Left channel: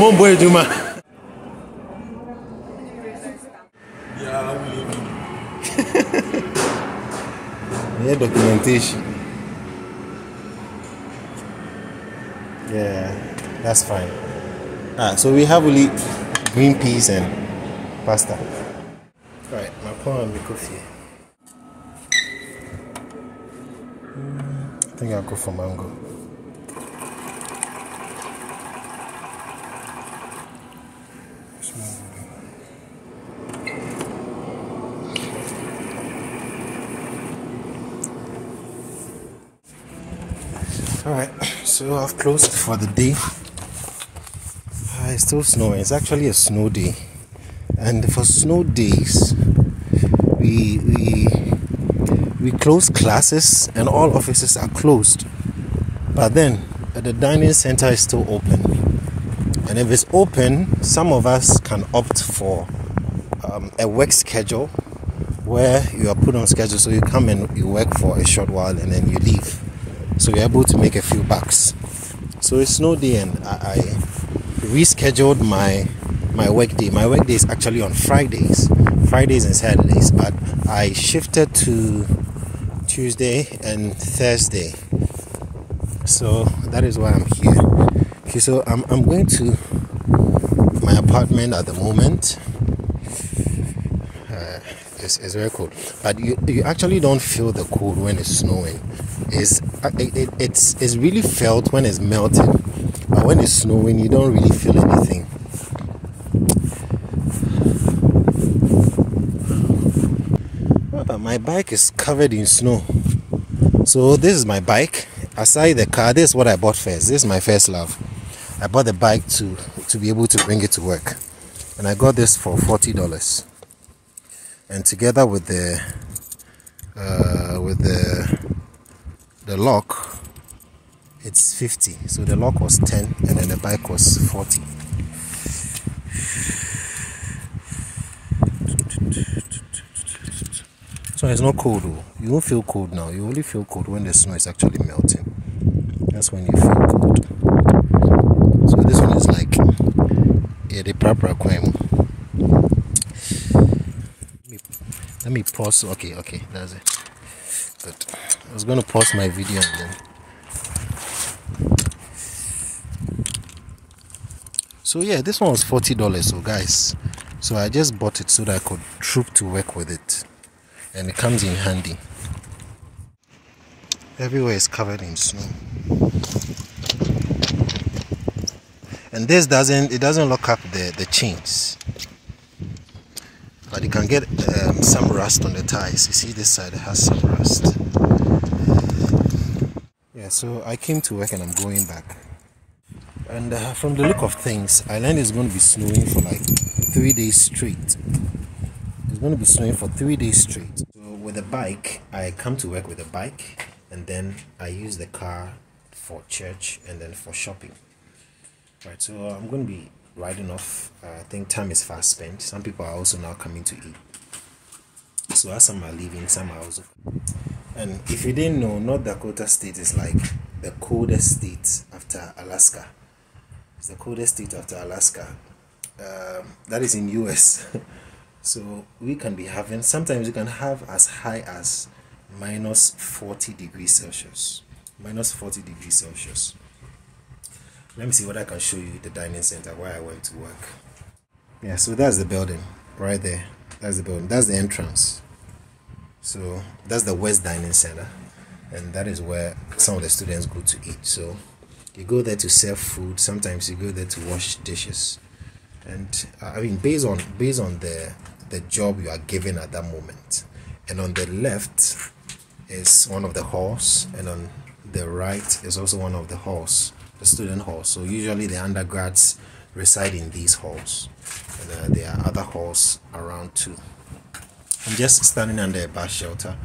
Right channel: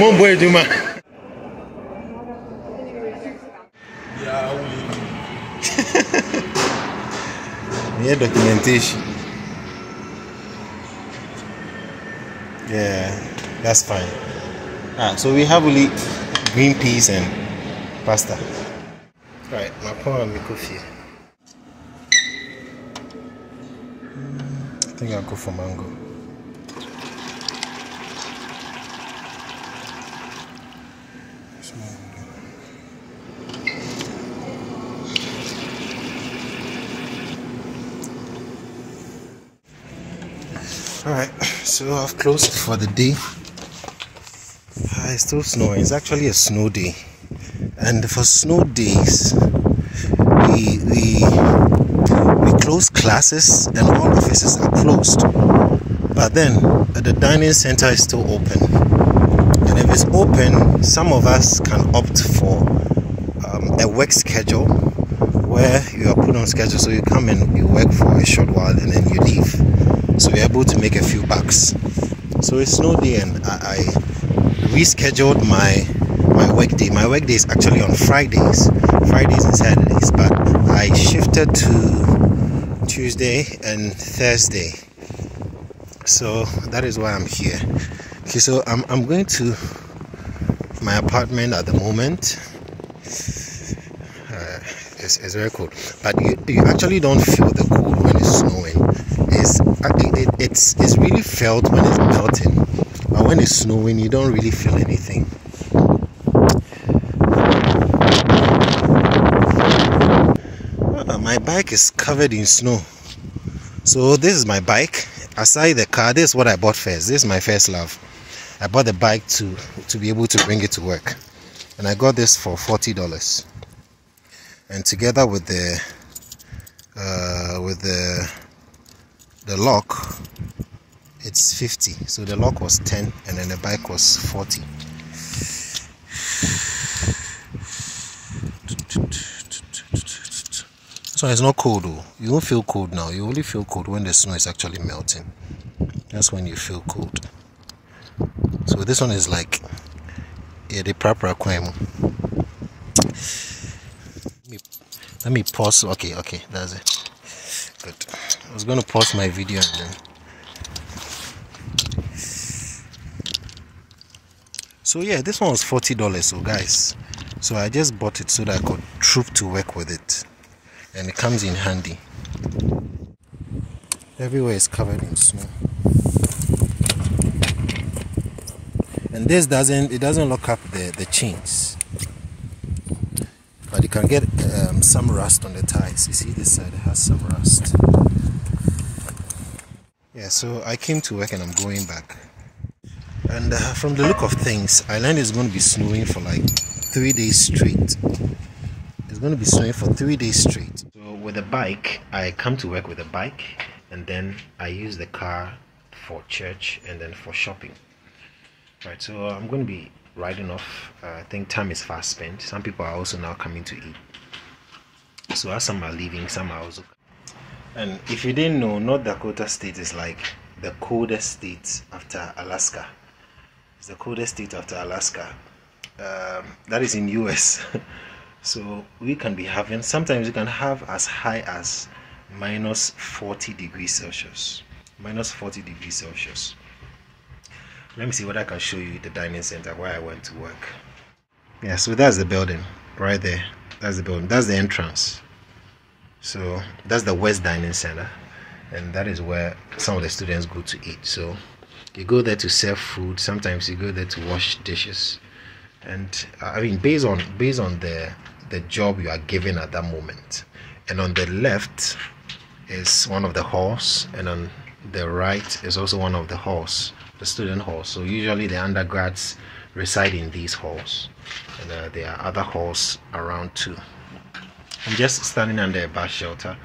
Mon boy Juma. Yeah, we documentation. Yeah, that's fine. So we have only green peas and pasta. Right, my poor and my coffee. I think I'll go for mango. Alright, so I've closed for the day. It's still snowing. It's actually a snow day. And for snow days, we close classes and all offices are closed. But then the dining center is still open. And if it's open, some of us can opt for a work schedule where you are put on schedule, so you come and you work for a short while and then you leave. So you're able to make a few bucks. So it's snow day and I rescheduled my work day. My work day is actually on Fridays and Saturdays, but I shifted to Tuesday and Thursday. So that is why I'm here. Okay, so I'm going to my apartment at the moment. It's very cold, but you actually don't feel the cold when it's snowing. It's really felt when it's melting, but when it's snowing you don't really feel anything. My bike is covered in snow. So this is my bike. Aside the car, this is what I bought first. This is my first love. I bought the bike to be able to bring it to work, and I got this for $40. And together with the lock, it's 50. So the lock was 10 and then the bike was 40. So it's not cold though. You don't feel cold now. You only feel cold when the snow is actually melting. That's when you feel cold. So this one is like the proper crime. Let me pause. Okay, that's it. But I was going to pause my video and then. So yeah, this one was $40. So guys, so I just bought it so that I could troop to work with it, and it comes in handy. Everywhere is covered in snow, and this doesn't lock up the chains. But you can get some rust on the tires. You see this side has some rust. Yeah, so I came to work and I'm going back. And from the look of things, Ireland is going to be snowing for like 3 days straight. It's going to be snowing for 3 days straight. So with a bike, I come to work with a bike, and then I use the car for church and then for shopping. Right, so I'm going to be riding off. I think time is fast spent. Some people are also now coming to eat. So as some are leaving, some are also coming. And if you didn't know, North Dakota State is like the coldest state after Alaska. It's the coldest state after Alaska. That is in US. So we can be having, sometimes you can have as high as minus 40 degrees Celsius. Minus 40 degrees Celsius. Let me see what I can show you the dining center where I went to work. Yeah, so that's the building right there. That's the building. That's the entrance. So that's the West Dining Center, and that is where some of the students go to eat. So you go there to serve food. Sometimes you go there to wash dishes, and I mean based on the job you are given at that moment. And on the left is one of the halls, and on the right is also one of the halls, the student halls. So usually the undergrads reside in these halls, and there are other halls around too. I'm just standing under a bus shelter,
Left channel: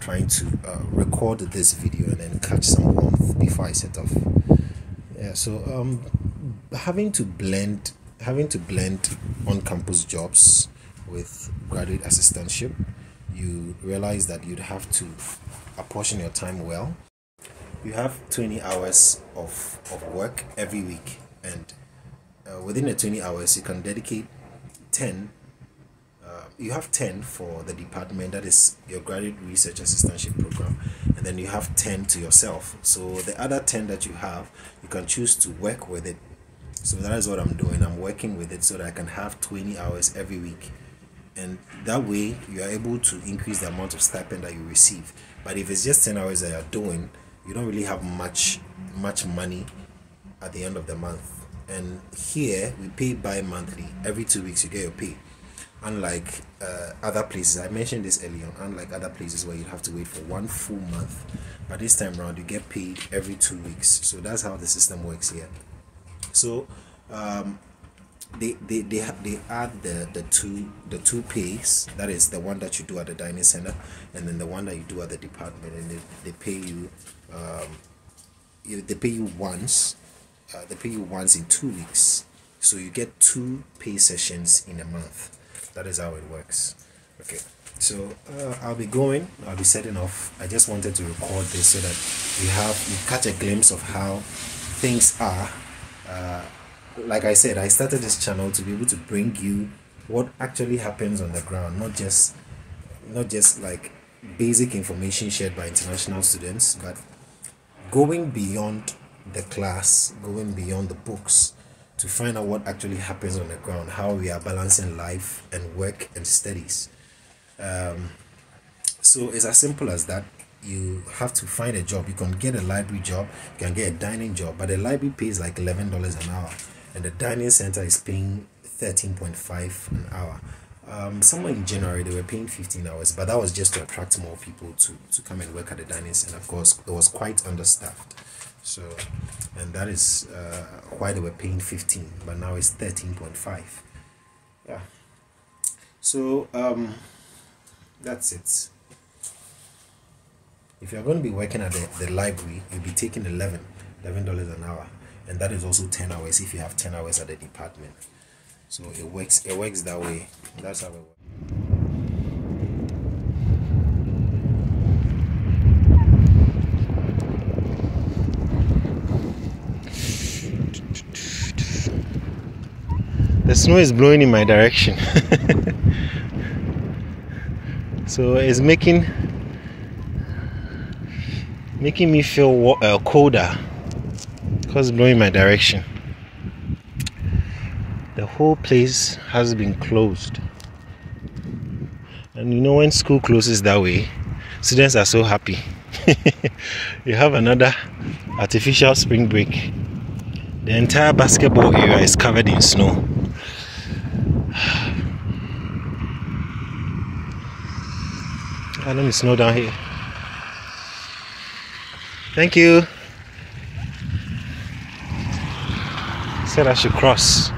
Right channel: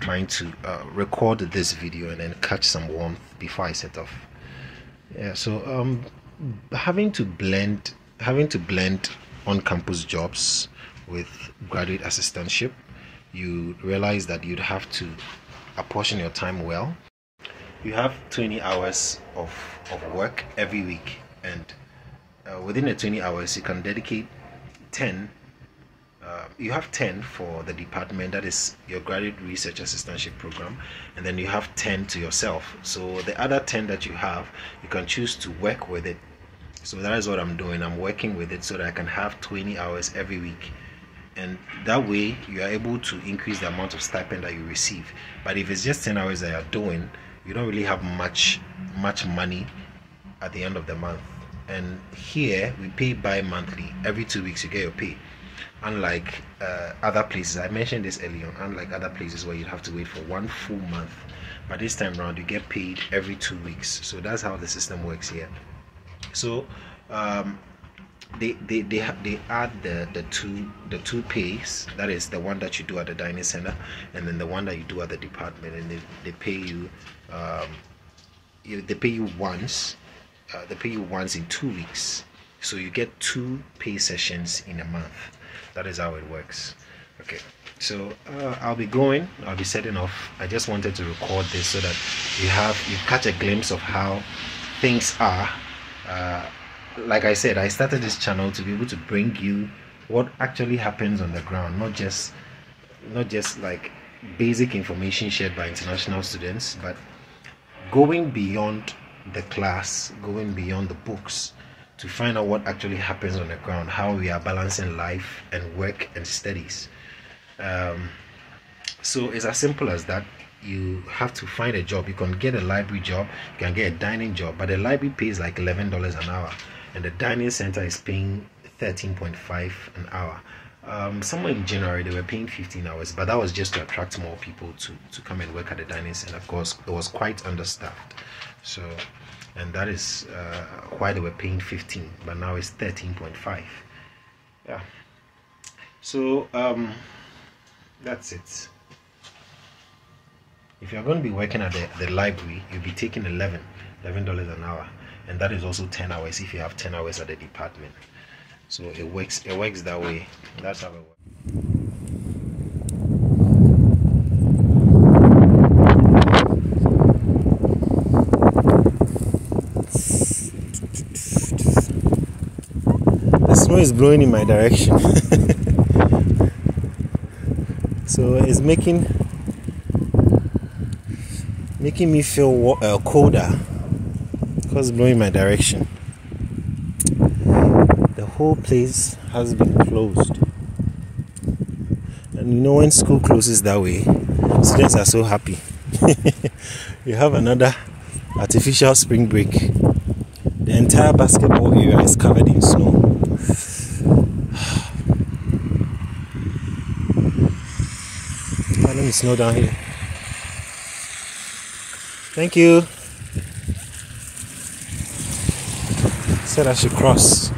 trying to record this video and then catch some warmth before I set off. Yeah, so having to blend on-campus jobs with graduate assistantship, you realize that you'd have to apportion your time well. You have 20 hours of work every week, and within the 20 hours, you can dedicate 10. You have 10 for the department, that is your graduate research assistantship program, and then you have 10 to yourself. So the other 10 that you have, you can choose to work with it. So that is what I'm doing. I'm working with it so that I can have 20 hours every week, and that way you are able to increase the amount of stipend that you receive. But if it's just 10 hours that you're doing, you don't really have much money at the end of the month. And here we pay bi-monthly. Every 2 weeks you get your pay, unlike other places. I mentioned this earlier, unlike other places where you have to wait for 1 full month, but this time around you get paid every 2 weeks. So that's how the system works here. So they add the two pays, that is the one that you do at the dining center and then the one that you do at the department, and they pay you once. They pay you once in 2 weeks, so you get 2 pay sessions in a month. That is how it works. Okay, so I'll be setting off. I just wanted to record this so that you catch a glimpse of how things are. Like I said, I started this channel to be able to bring you what actually happens on the ground, not just like basic information shared by international students, but going beyond the class, going beyond the books, to find out what actually happens on the ground, how we are balancing life and work and studies. So it's as simple as that. You have to find a job. You can get a library job, you can get a dining job, but the library pays like $11 an hour, and the dining center is paying $13.5 an hour. Somewhere in January they were paying 15 hours, but that was just to attract more people to come and work at the dining center. Of course, it was quite understaffed. So, and that is why they were paying 15, but now it's 13.5. Yeah. So that's it. If you're going to be working at the library, you'll be taking $11 an hour, and that is also 10 hours if you have 10 hours at the department. So it works that way. That's how it works. The snow is blowing in my direction. So it's making me feel colder because it's blowing in my direction. The whole place has been closed, and you know, when school closes that way, students are so happy. You have another artificial spring break. The entire basketball area is covered in snow. Let me snow down here. Thank you. Said I should cross.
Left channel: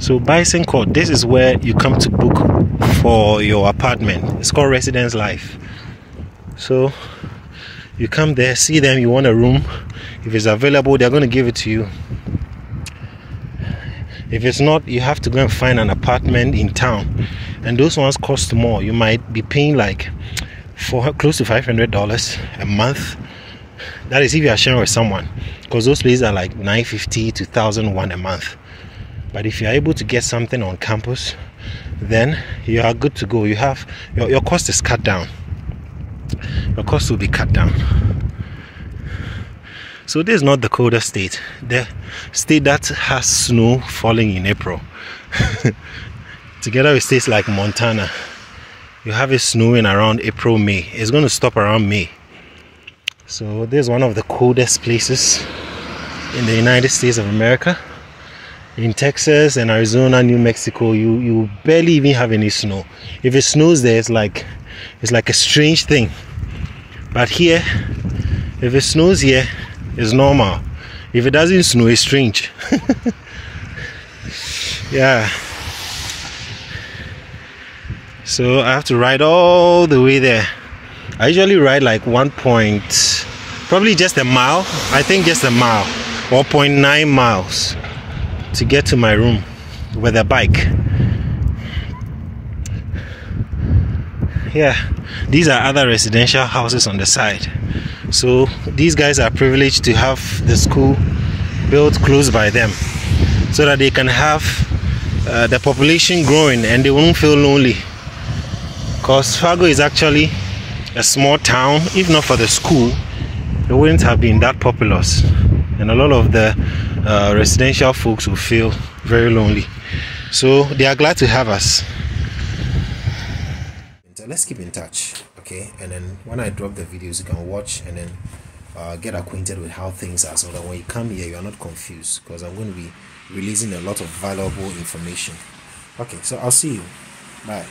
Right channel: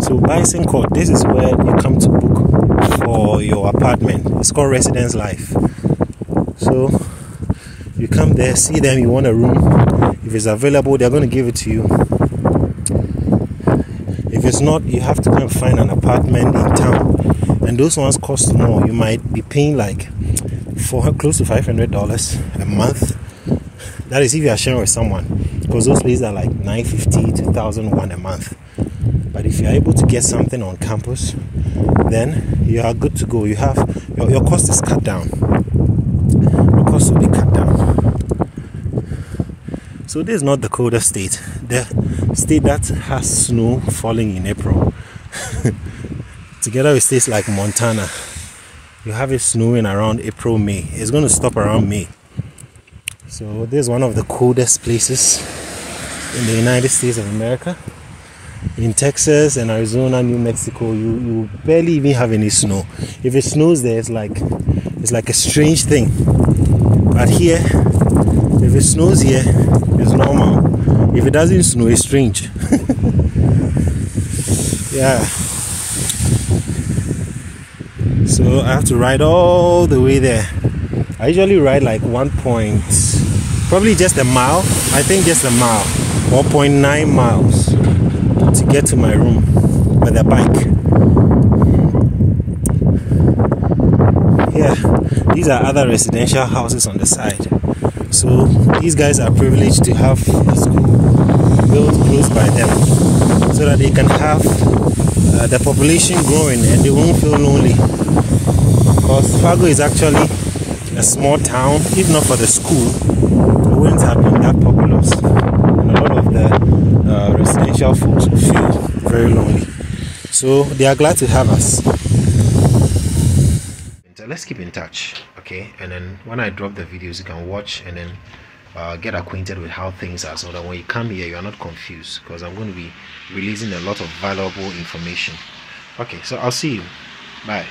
So Bison Court, this is where you come to book for your apartment. It's called Residence Life. So you come there, see them, you want a room. If it's available, they're going to give it to you. If it's not, you have to go and find an apartment in town, and those ones cost more. You might be paying like close to $500 a month. That is if you are sharing with someone, because those places are like $950 to $1,001 a month. But if you are able to get something on campus, then you are good to go. You have your cost is cut down. Your cost will be cut down. So this is not the coldest state. The state that has snow falling in April. Together with states like Montana, you have it snowing around April, May. It's going to stop around May. So this is one of the coldest places in the United States of America. In Texas and Arizona, New Mexico, you barely even have any snow. If it snows there, it's like a strange thing. But here, if it snows here, it's normal. If it doesn't snow, it's strange. Yeah. So I have to ride all the way there. I usually ride like probably just a mile. I think just a mile, 1.9 miles to get to my room with a bike. Yeah, these are other residential houses on the side. So these guys are privileged to have the school built close by them, so that they can have the population growing and they won't feel lonely. Because Fargo is actually a small town. If not for the school, it wouldn't have been that populous, and a lot of the residential folks will feel very lonely. So they are glad to have us. Let's keep in touch, okay? And then when I drop the videos, you can watch and then get acquainted with how things are, so that when you come here, you are not confused, because I'm going to be releasing a lot of valuable information. Okay, so I'll see you. Bye.